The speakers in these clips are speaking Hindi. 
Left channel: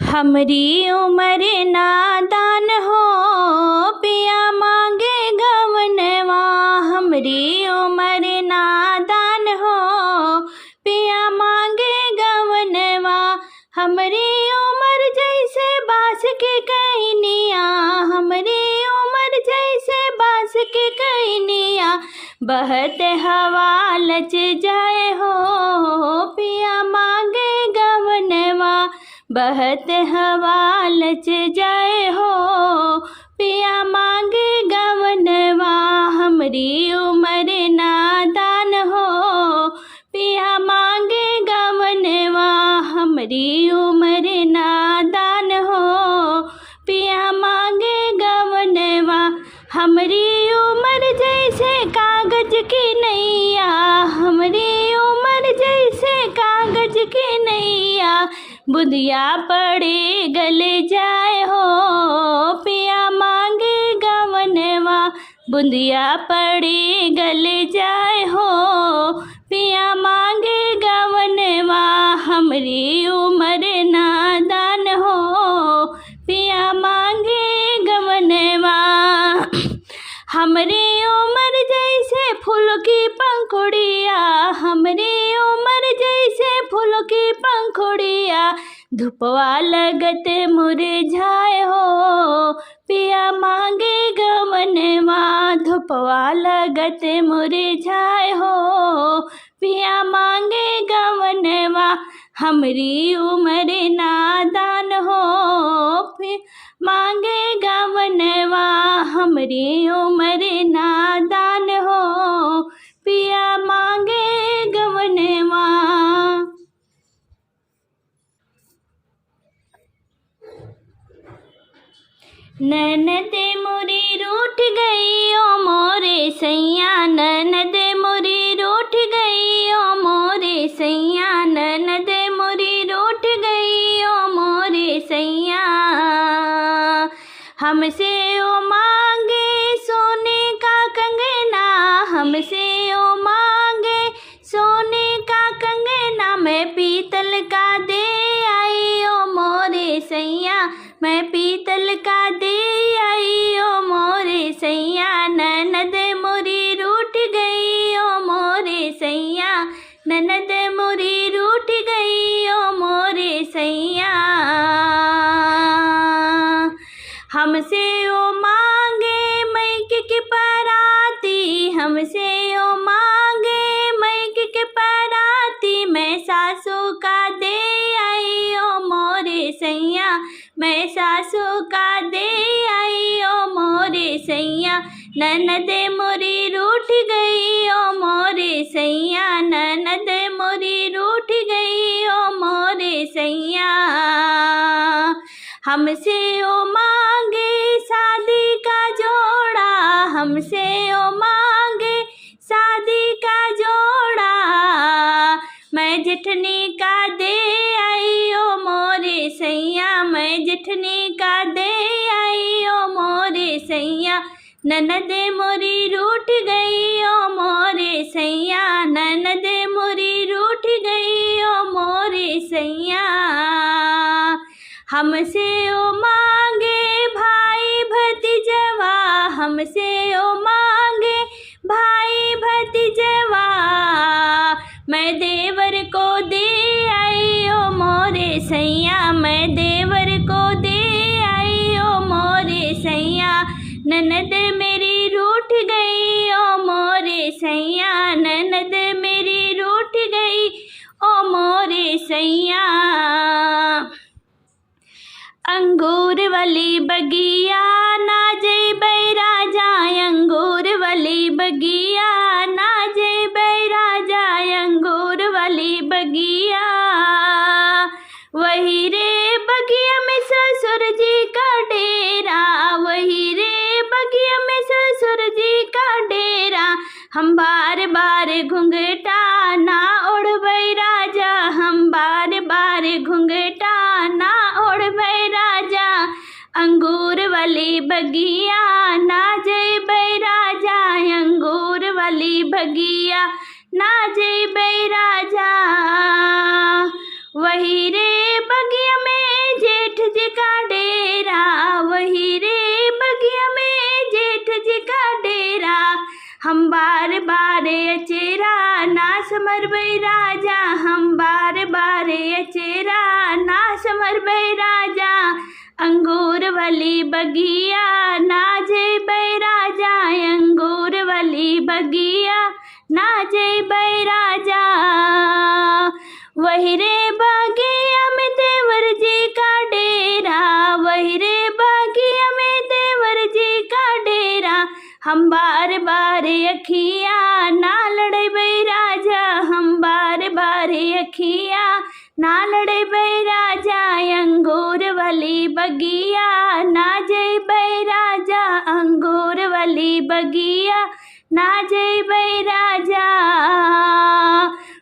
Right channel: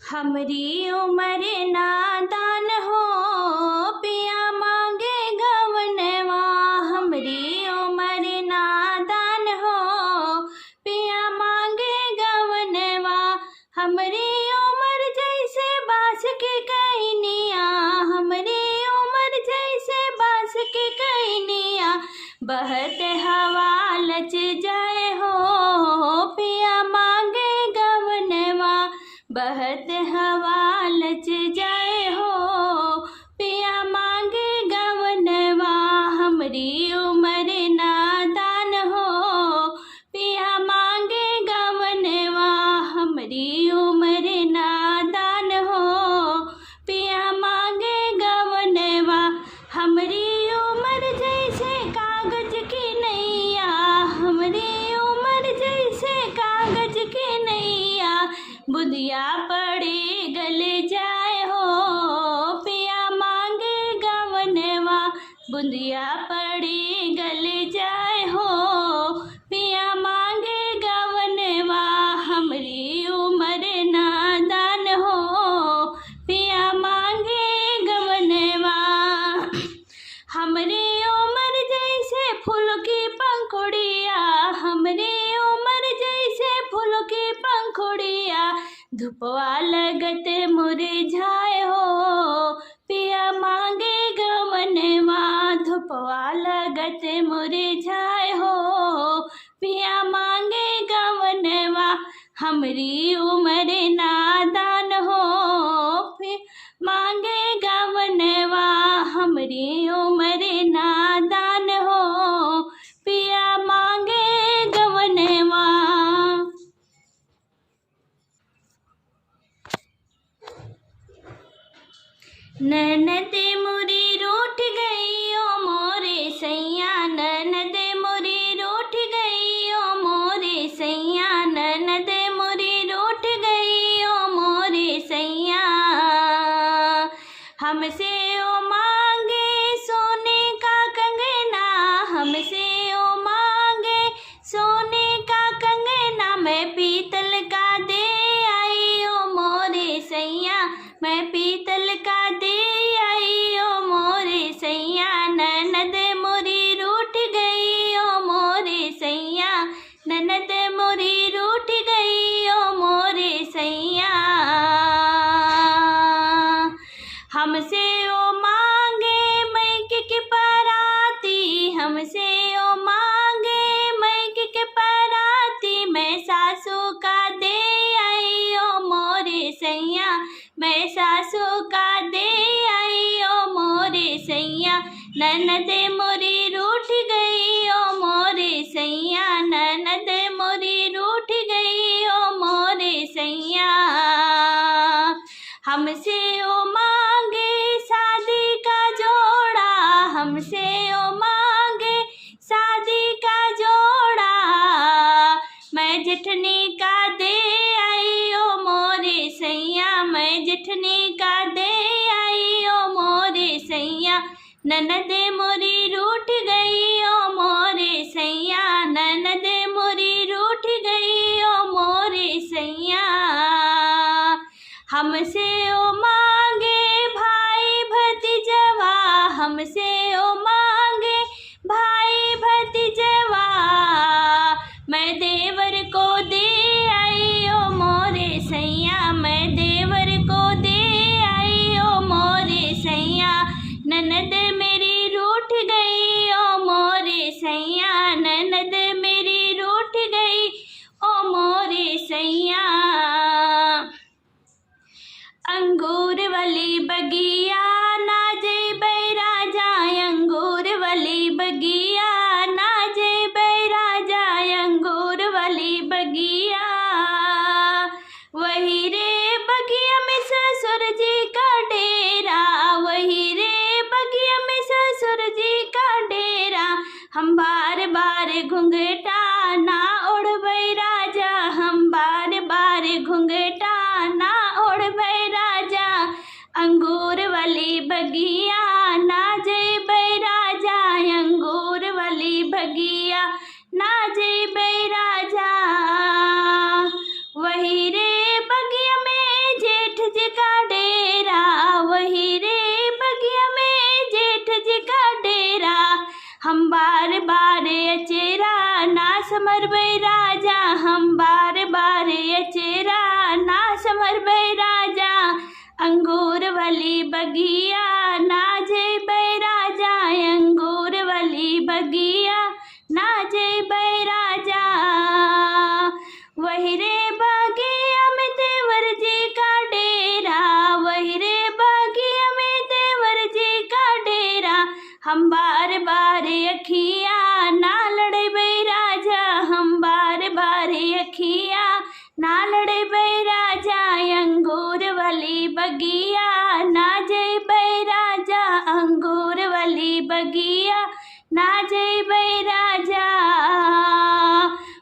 हमरी उमर नादान हो, पिया मांगे गवनवा। हमरी उमर नादान हो, पिया मांगे गवनवा। हमरी उमर जैसे बांस के कहनिया, हमरी उमर जैसे बांस के कहनिया। बहत हवा लच जाए हो, पिया मांगे गवनवा। बहत हवा लच जाए हो, पिया मांगे गवनवा। हमरी उमर नादान हो, पिया मांगे गवनवा। हमरी उमर नादान हो, पिया मांगे गवनवा। हमरी उमर जैसे कागज की नैया, हमरी उमर जैसे कागज की नैया। बुधिया पड़े गले जाए हो, पिया मांगे गवनवा। बुधिया पड़े गले जाए हो, पिया मांगे गवनवा। हमरी उमर नादान हो, पिया मांगे गवनवा। हमरी उमर जैसे फूल की पंखुड़िया, हमरी उमर जैसे फूल की पंखुड़िया। धुपवा लगत मुरझाए हो, पिया मांगे गवनवा। धुपवा लगत मुरझाए हो, पिया मांगे गवनवा। हमरी उमर नादान हो, पिया मांगे गवनवा। हमरी उमर नादान हो, पिया मांगे गवनवा। ननद मोरी रूठ गई ओ मोरे सैया, ननद मोरी रूठ गई ओ मोरे सैया। ननद मोरी रूठ गई ओ मोरे सैया। हमसे ओ मांगे सोने का कंगना, हमसे ओ मांगे सोने का कंगना। मैं पीतल का दे आई ओ मोरे सैया, मैं पीतल का दे आई ओ मोरे सैया। ननद मोरी रूठ गई ओ मोरे सैया, ननद मोरी रूठ गई ओ मोरे सैया। हमसे ओ मांगे मैक के पराती, हमसे ओ मांगे मैक के पराती। मैं सासू का दे आई ओ मोरे सैया, मैं सासू का दे आई ओ मोरे सैया। ननद मोरी रूठ गई ओ मोरे सैया, ननद मोरी रूठ गई ओ मोरे सैया। हमसे ओ मांगे शादी का जोड़ा, हमसे ओ मांगे शादी का जोड़ा। मैं जेठनी का दे आई ओ मोरे सैया, मैं जेठनी का दे आई ओ मोरे सैया। ननद मोरी रूठ गई ओ मोरे सैया, ननद मोरी रूठ गई ओ मोरे सैया। हमसे ओ मांगे भाई भतीजवा, हमसे ओ मांगे भाई भतीजवा। मैं देवर को दे आई ओ मोरे सैया, मैं देवर को दे आई ओ मोरे सैया। ननद मेरी रूठ गई ओ मोरे सैया, ननद मेरी रूठ गई ओ मोरे सैया। अंगूर वाली बगिया ना जइबै राजा, अंगूर वाली बगिया ना जइबै राजा। अंगूर वाली बगिया वही रे बगिया में ससुर जी का डेरा, वही रे बगिया में ससुर जी का डेरा। हम बार बार घुंघटा ना ओढ़बै राजा, हम बार बार घुंघटा ना ओढ़बै राजा। अंगूर वाली बगिया ना जइबै राजा, अंगूर वाली बगिया ना जइबै राजा। वही रे बगिया में जेठ हम बार बार अचेरा ना समर भई राजा, हम बार बार अचेरा ना समर भई राजा। अंगूर वाली बगिया ना जय भई राजा, अंगूर वाली बगिया ना जय भई राजा। वही रे बगिया में देवर जी का डेरा, वही रे बगिया में देवर जी का डेरा। हम बार बार अखिया ना लड़े भई राजा, हम बार बार अखिया ना लड़े भई राजा। अंगूर वाली बगिया ना जय भई राजा, अंगूर वाली बगिया ना जय भई राजा।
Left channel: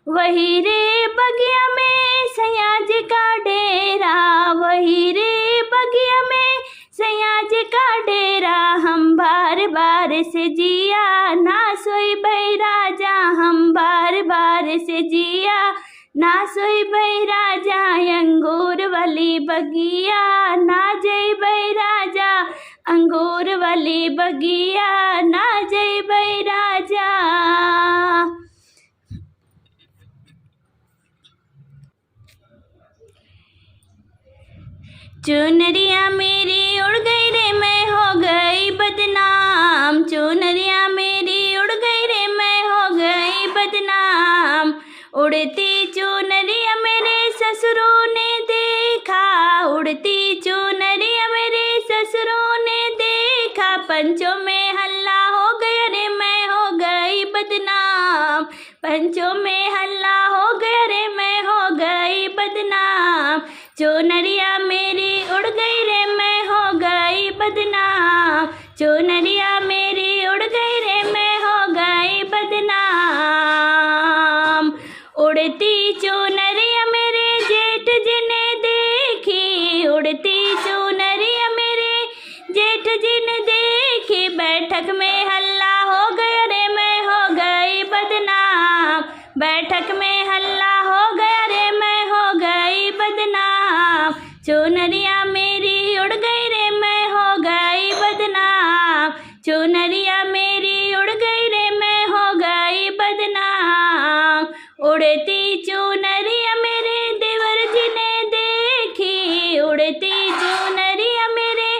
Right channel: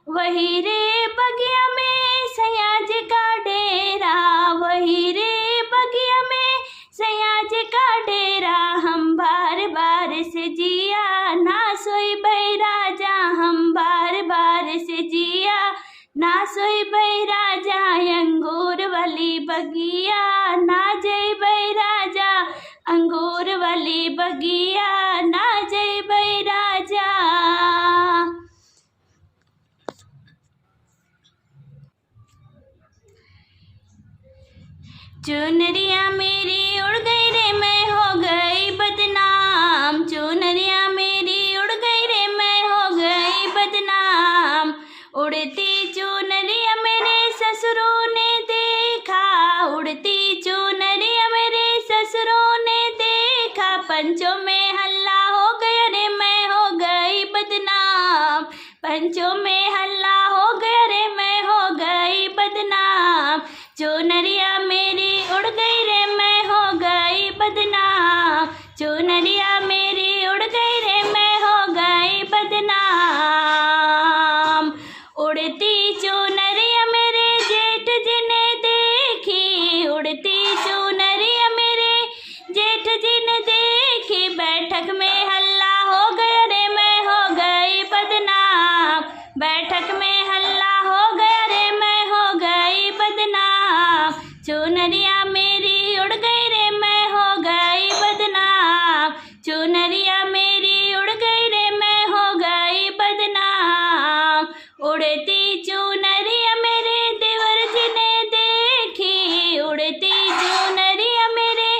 वही रे बगिया में सयाज का डेरा, वही रे बगिया में सयाज का डेरा। हम बार बार से जिया ना सोई भई राजा, हम बार बार से जिया ना सोई भई राजा। अंगूर वाली बगिया ना जय भई राजा, अंगूर वाली बगिया ना जय भई राजा। चुनरिया मेरी उड़ गई रे मैं हो गई बदनाम, चुनरिया मेरी उड़ गई रे मैं हो गई बदनाम। उड़ती चुनरिया मेरे ससुरों ने देखा, उड़ती चुनरिया मेरे ससुरों ने देखा। पंचों में हल्ला हो गया रे मैं हो गई बदनाम, पंचों में हल्ला हो गया रे मैं हो गई बदनाम। चुनरिया मेरी उड़ गई रे मैं हो गई बदनाम, चुनरिया मेरी उड़ गई रे मैं हो गई बदनाम। उड़ती चुनरिया मेरे जेठ जी ने देखी, उड़ती चुनरिया मेरे जेठ जी ने देखी। बैठक में हल्ला हो गया रे मैं हो गई बदनाम, बैठक में हल्ला हो गया रे मैं हो गई बदनाम। चुनरिया मेरी उड़ गई रे मैं हो गई बदनाम, चुनरिया मेरी उड़ गई रे मैं हो गई बदनाम। उड़ती चुनरिया मेरे देवर जी ने देखी, उड़ती चुनरिया मेरे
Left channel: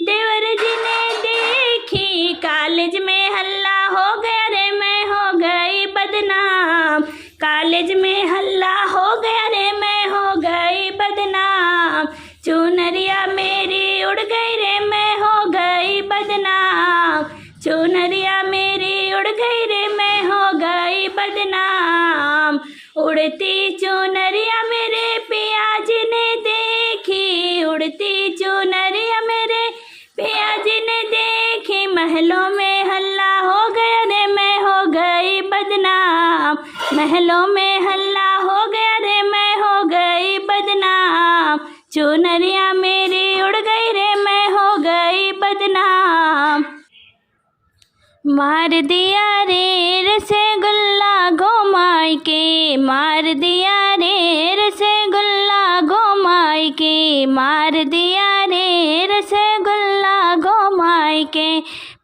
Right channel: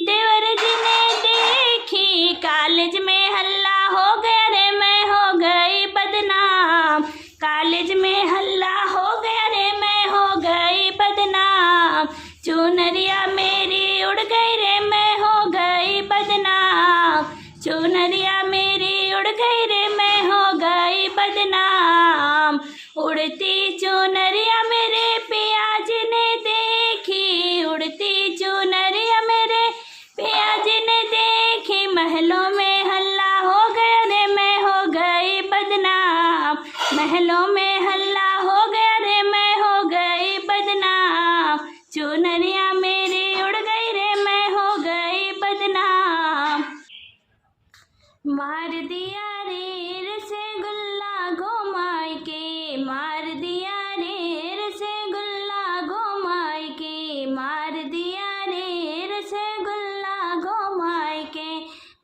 देवर जी ने देखी। कॉलेज में हल्ला हो गया रे मैं हो गई बदनाम, कॉलेज में हल्ला हो गया रे मैं हो गई बदनाम। चुनरिया मेरी उड़ गई रे मैं हो गई बदनाम, चुनरिया मेरी उड़ गई रे मैं हो गई बदनाम। उड़ती चुनरिया मेरे पिया जी ने देखी, उड़ती चुनरिया मेरे पिया जी ने देखी। महलों में हल्ला हो गया रे मैं हो गई बदनाम, महलों में हल्ला हो गया रे मैं हो गई बदनाम। चुनरिया मेरी उड़ गई रे मैं हो गई बदनाम। मार दिया रे रसगुल्ला घुमाई के, मार दिया रे रसगुल्ला घुमाई के, मार दिया रे रसगुल्ला घुमाई के।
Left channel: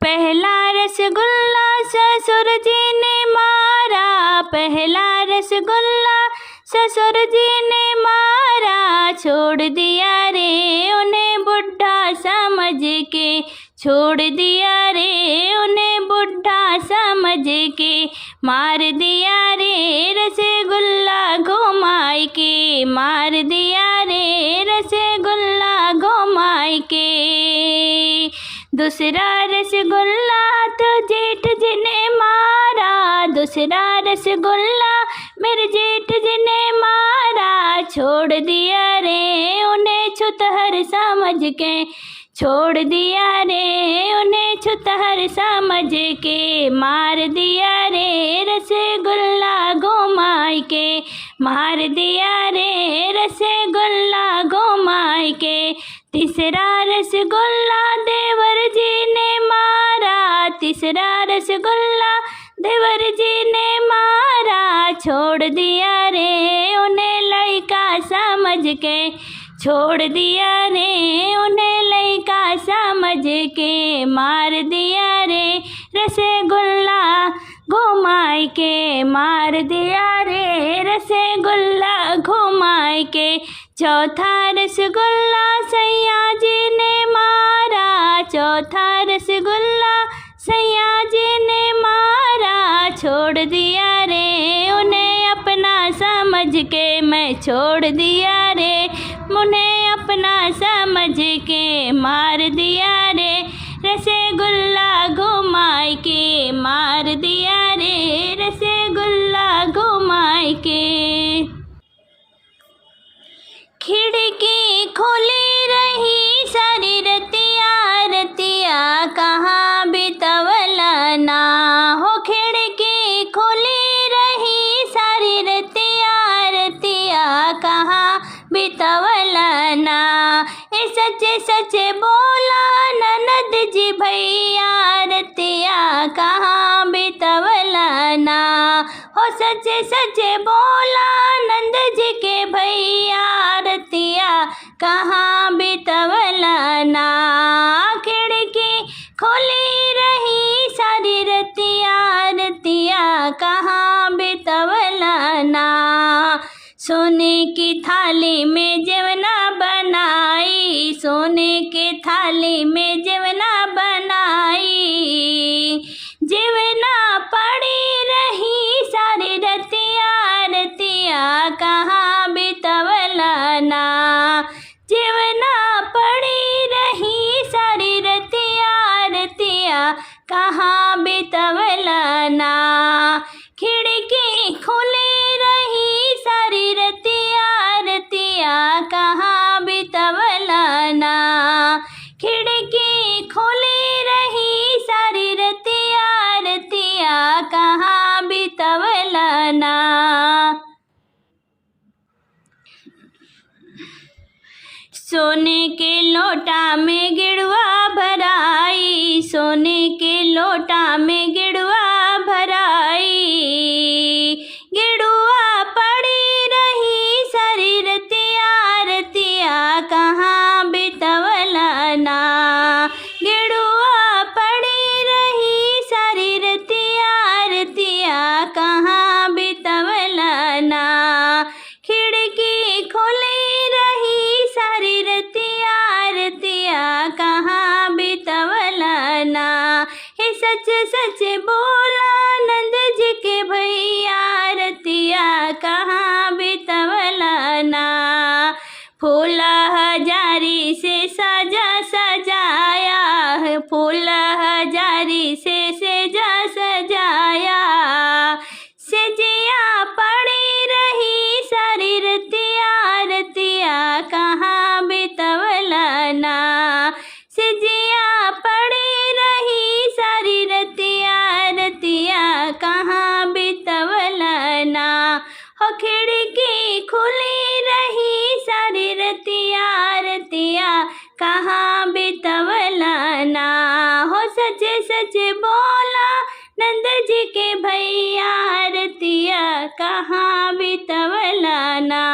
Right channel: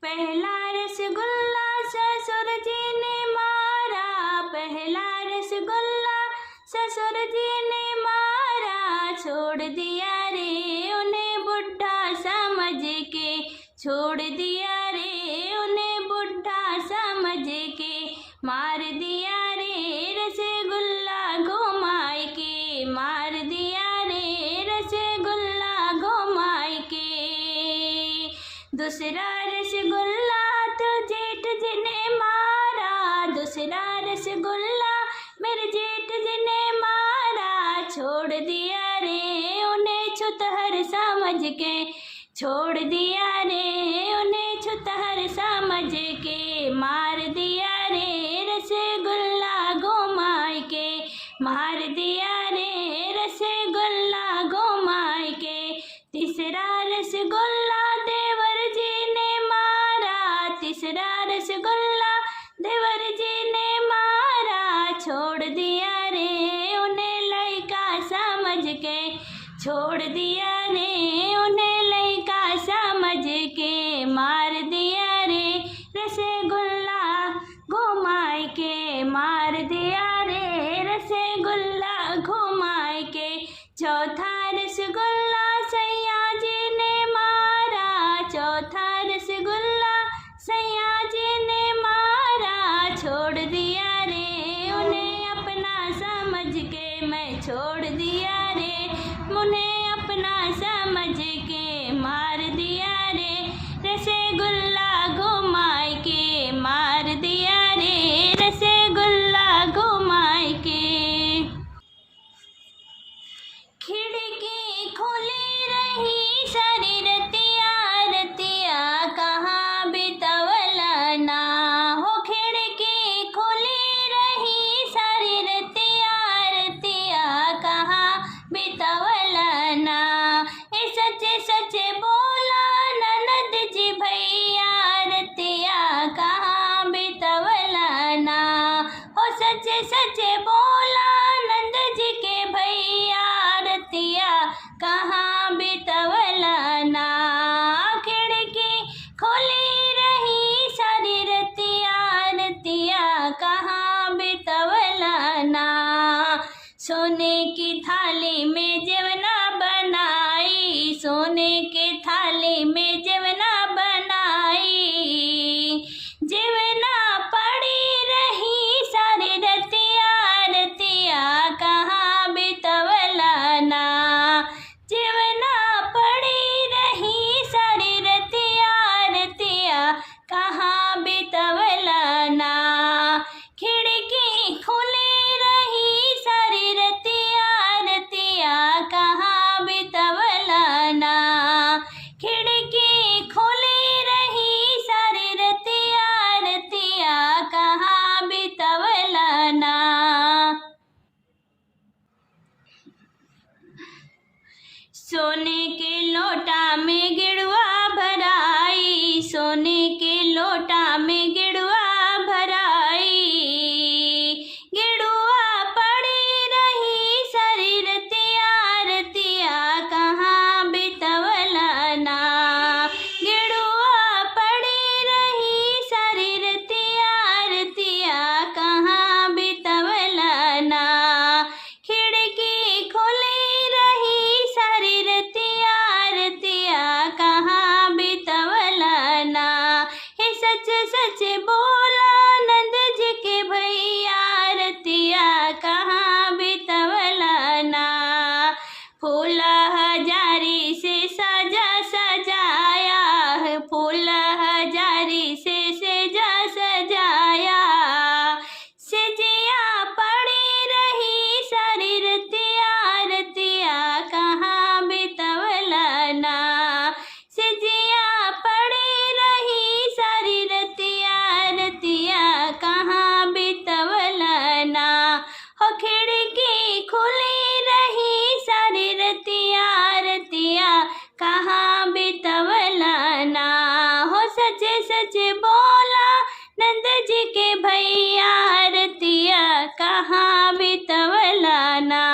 पहला रसगुल्ला ससुर जी ने मारा, पहला रसगुल्ला ससुर जी ने मारा। छोड़ दिया रे उन्हें बुढ़ा समझ के, छोड़ दिया रे उन्हें बुढ़ा समझ के। मार दिया रे रसगुल्ला घुमाई के, मार दिया रे रसगुल्ला घुमाई के। दूसरा रसगुल्ला तो जेठ जी ने मारा, दूसरा रसगुल्ला मेरे जेठ जी ने मारा। छोड़ दिया रे उन्हें छुतहर समझ के, छोड़ दिया रे उन्हें छुतहर समझ के। मार दिया रे रसगुल्ला घुमाई के, मार दिया रे रसगुल्ला घुमाई के। तीसरा रसगुल्ला देवर जी ने मारा, तीसरा रसगुल्ला देवर जी ने मारा। छोड़ दिया रे उन्हें लड़का समझ के, छोड़ दिया रे उन्हें लड़का समझ के। मार दिया रे रसगुल्ला मार दिया रे, रसगुल्ला घुमाए के। चौथा रसगुल्ला सैया जी ने मारा, चौथा रसगुल्ला सैया जी ने मारा। छोड़ दिया रे उन्हें अपना समझ के, मैं छोड़ दिया रे उन्हें अपना समझ के। मार दिया रे रसगुल्ला घुमाए के, मार दिया रे रसगुल्ला घुमाए के। खिड़की खुली रही सारी रतिया, रतिया कहाँ बितवला ना हो। खिड़की खुली रही सारी रतिया, रतिया कहाँ बितवला ना। ए सच्चे सच्चे बोला ननद जी भैया, रतिया कहाँ बितवला ना हो। सच्चे सच्चे बोला नंद जी के भैया, रतिया कहाँ बितवला ना। खिड़की खुली रही सारी रतिया, रतिया कहाँ बितवला ना। सोने की थाली में जेवना बनाई, सोने की थाली में जेवना बनाई। जेवना पड़ी रही सारी रतिया, रतिया कहाँ बितवला ना। जेवना पड़ी रही सारी रतिया, रतिया कहाँ बितवला ना। खिड़की खुली रही सारी रतिया, रतिया कहाँ बितवला ना। खिड़की खुली रही सारी रतिया, रतिया कहाँ बितवला ना। सोने के लोटा में गिड़वा भराई, सोने के लोटा में गिड़वा भराई। गिड़वा पड़ी रही सारी रतिया, रतिया कहाँ बितवला ना। गिड़वा पड़ी रही सारी रतिया, रतिया कहाँ बितवला ना। खिड़की खुली रही सारी रतिया, रतिया कहाँ बितवला ना। हे सच सच बोला नंद जी के भैया, रतिया कहाँ बितवला ना। फूला हजारी से सजा सजाया है, फूला हजारी से सजा सजाया। सजिया पड़ी रही सारी रतिया, रतिया कहाँ बितवला ना। सजिया पड़ी रही सारी रतिया, रतिया कहाँ बितवला ना हो। खिड़की खुली रही सारी रतिया, रतिया कहाँ बितवला ना हो। सच सच बोला नंद जी के भैया, रतिया कहाँ बितवला ना।